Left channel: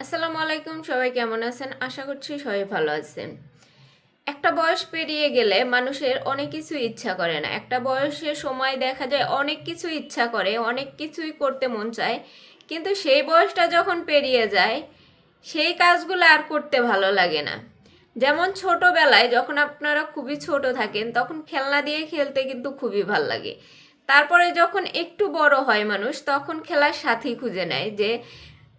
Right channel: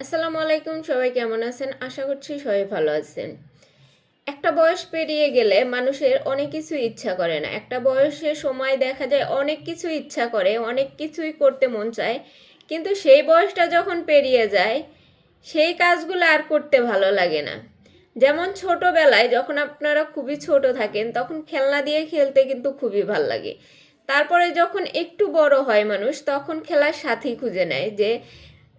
আসসালামু আলাইকুম, সবাই কেমন আছেন? আশা করছি সবাই ভালো আছেন। একটা বয়স পেরিয়ে গেলে মানুষের অনেক কিছু ইচ্ছা করে না। একটা বয়সের সময় দেখা যায়, অনেক কিছু ইচ্ছা করে, অনেক কিছুই করতে মন চায়। কিন্তু সেই বয়সটা যখন পেরিয়ে যায়, সেই কাজগুলো আর করতে ভালো লাগে না। যেমন ছোটবেলায় যখন আপনারা খুবই ছোট থাকেন, তখন খেলনা দিয়ে খেলতে কিন্তু খুবই ভালো লাগে। তারপরে যখন একটু বড় হয় মানুষ, তখন খেলার সাথী খুঁজে নেয় যে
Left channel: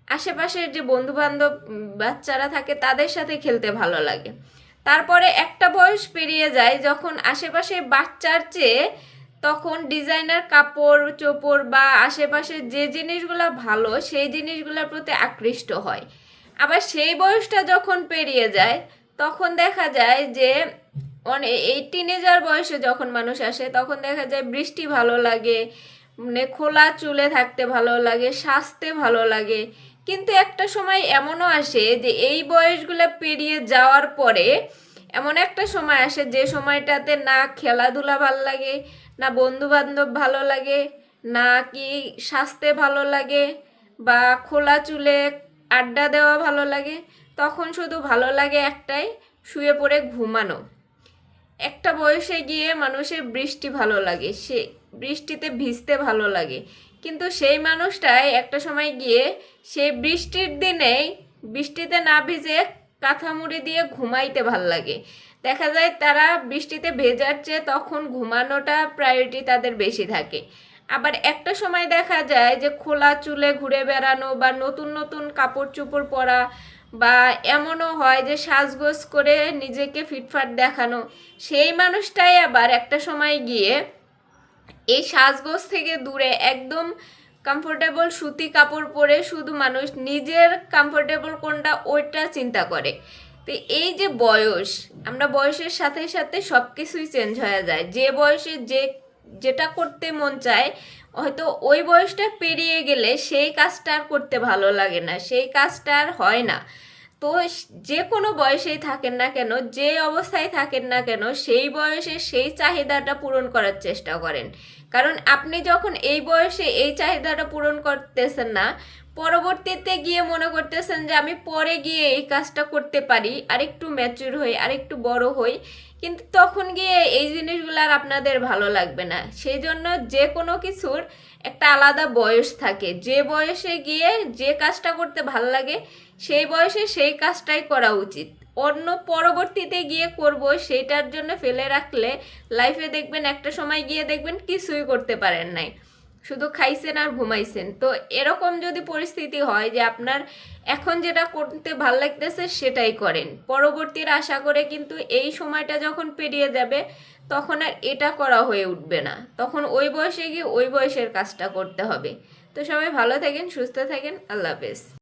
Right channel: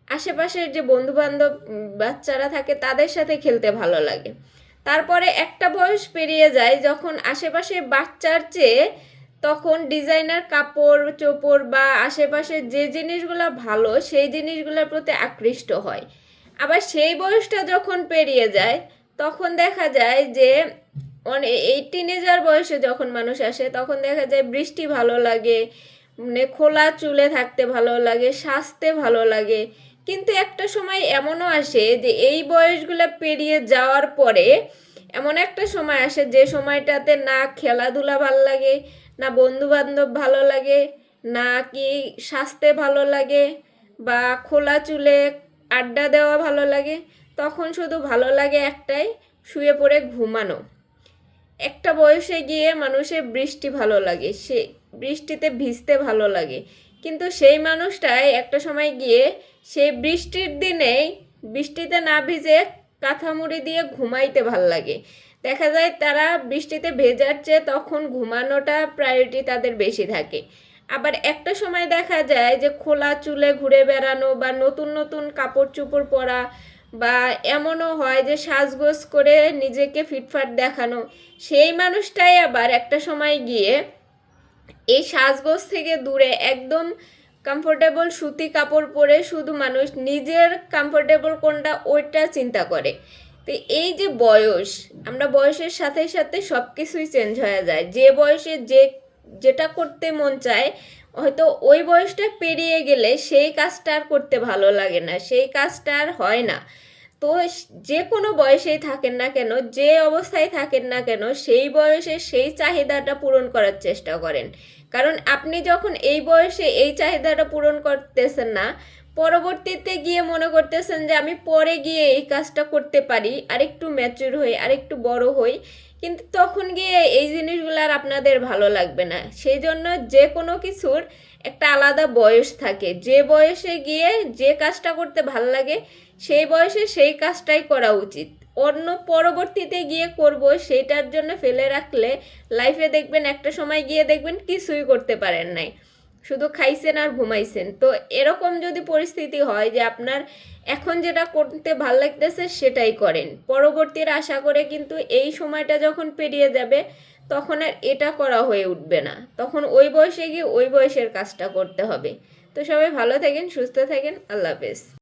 আশেপাশের যে বন্ধু বান্ধব বাচ্চারা থাকে তাদের সাথে খেলতে ভালো লাগে। তারপরে একটা বয়স পেরিয়ে যায় যখন আশেপাশের বাচ্চার চেয়ে তখন ডিজাইনার কাপড়, চোপড় বা আশেপাশের যে জিনিসগুলো ভালো সেই জিনিসগুলোর প্রতি আকৃষ্ট হয়। আবার সেই বয়সটা যখন পেরিয়ে যায় তখন দেখা যায় যে অনেক এই টিনেজার বয়সে যখন মানুষ আসে তখন দেখা যায় বৃষ্টি ভালো লাগে মানে খোলা চুলে থাকতে ভালো লাগে, সাজতে ভালো লাগে। কিন্তু একটা সময় এমনও আসে যে এই বয়সগুলো পেরিয়ে যাওয়ার পরে এমন একটা সময় আসে যে সময়টাতে না খেলাধুলা ভালো লাগে, না বন্ধু বান্ধব ভালো লাগে, না কি সাজতে ভালো লাগে বা খোলা চুলে আড্ডা দেওয়া ভালো লাগে, তখন শুধু ভালো লাগে একটাই, শুয়ে পড়ে ঘুমানো। একটা বয়সে গিয়ে মানুষের বৃষ্টি ভালো লাগে, সে বৃষ্টিতে ভিজতে ভালো লাগে। কিন্তু সেই মানুষটাই একটা সময় গিয়ে সেই বৃষ্টির দিনে বৃষ্টিতে না ভিজে কাঁথা মুড়ি দিয়ে ঘুমাইতে ভালো লাগে। দেখা যায় তারা বৃষ্টিতে ভেজার চেয়ে তখন ঘুমানোটা প্রায়োরিটি তাদের বেশি থাকে। আবার একটা সময় দেখা যায় যে খোলা চুলে ঘুরে বেড়ানো বা নতুন নতুন কাপড় চোপড় পরা বা এমনও হয় যে সাজগোজ করে নিজেকে ফিটফাট দেখানো, সেই মানুষটাই আবার একটা সময় গিয়ে এই সাজগোজ থেকে দূরে একদম কমফোর্টেবল সুতি কাপড় পরে শুধু মানুষ নিজের কমফোর্টেবল কোনটা ওইটা চিন্তা করে। তো এই যে বয়স, আমরা বয়সের সাথে সাথে সব কিছুই চেঞ্জ হয়ে যায়। যে বয়সে যে, যেটা করতে মন চায়, হয়তো ওই বয়সটা পেরিয়ে গেলে সেই কাজটা আর করতে ভালো লাগে না, সেই কাজটা আর হয় না। তো যে কোনো বয়সেই থাকেন না কেন, যে অবস্থায় থাকেন না কেন, সেই বয়সে সেই চাহিদাটা পূরণ করার চেষ্টা করেন। কারণ আপনি যখন এই বয়সে এই চাহিদাটা পূরণ করতেছেন না, পরবর্তীতে গিয়ে মনে করতেছেন যে আমি পরে গিয়ে এই কাজটা করতে পারি, আরেকটু ম্যাচিউর হই, আরেকটু বড় হই, কিন্তু তখন গিয়ে এই জিনিসগুলো আর আপনাদের ভালো লাগবে না। সেই জন্য যে কোনো কিছুর একটা আলাদা বয়স থাকে। যে বয়সে গিয়ে যে কাজটা করতে ভালো লাগে, সেই বয়সে সেই কাজটাই করা উচিত। অন্য পরবর্তীতে গিয়ে করব সেইটার জন্য ফেলে রাখলে লাইফে দেখবেন একটা সময় গিয়ে দেখবেন কিছুই করতে পারেন নাই। শুধু খাইছেন আর ঘুমাইছেন। তো এরকম যদি পরিস্থিতি হয় যে আপনার এখন যেটা করতে ভালো লাগতেছে সেটাই করেন। পরবর্তীর আশা করে কিন্তু এই সময়টা যখন পেরিয়ে যাবে, তখন আর এটা করা হয়ে উঠবে না। তখন ওই বয়সে গিয়ে ওই বয়সের কাজটা করতে হবে। তো সবাই ভালো থাকেন, সুস্থ থাকেন, আল্লাহ হাফেজ।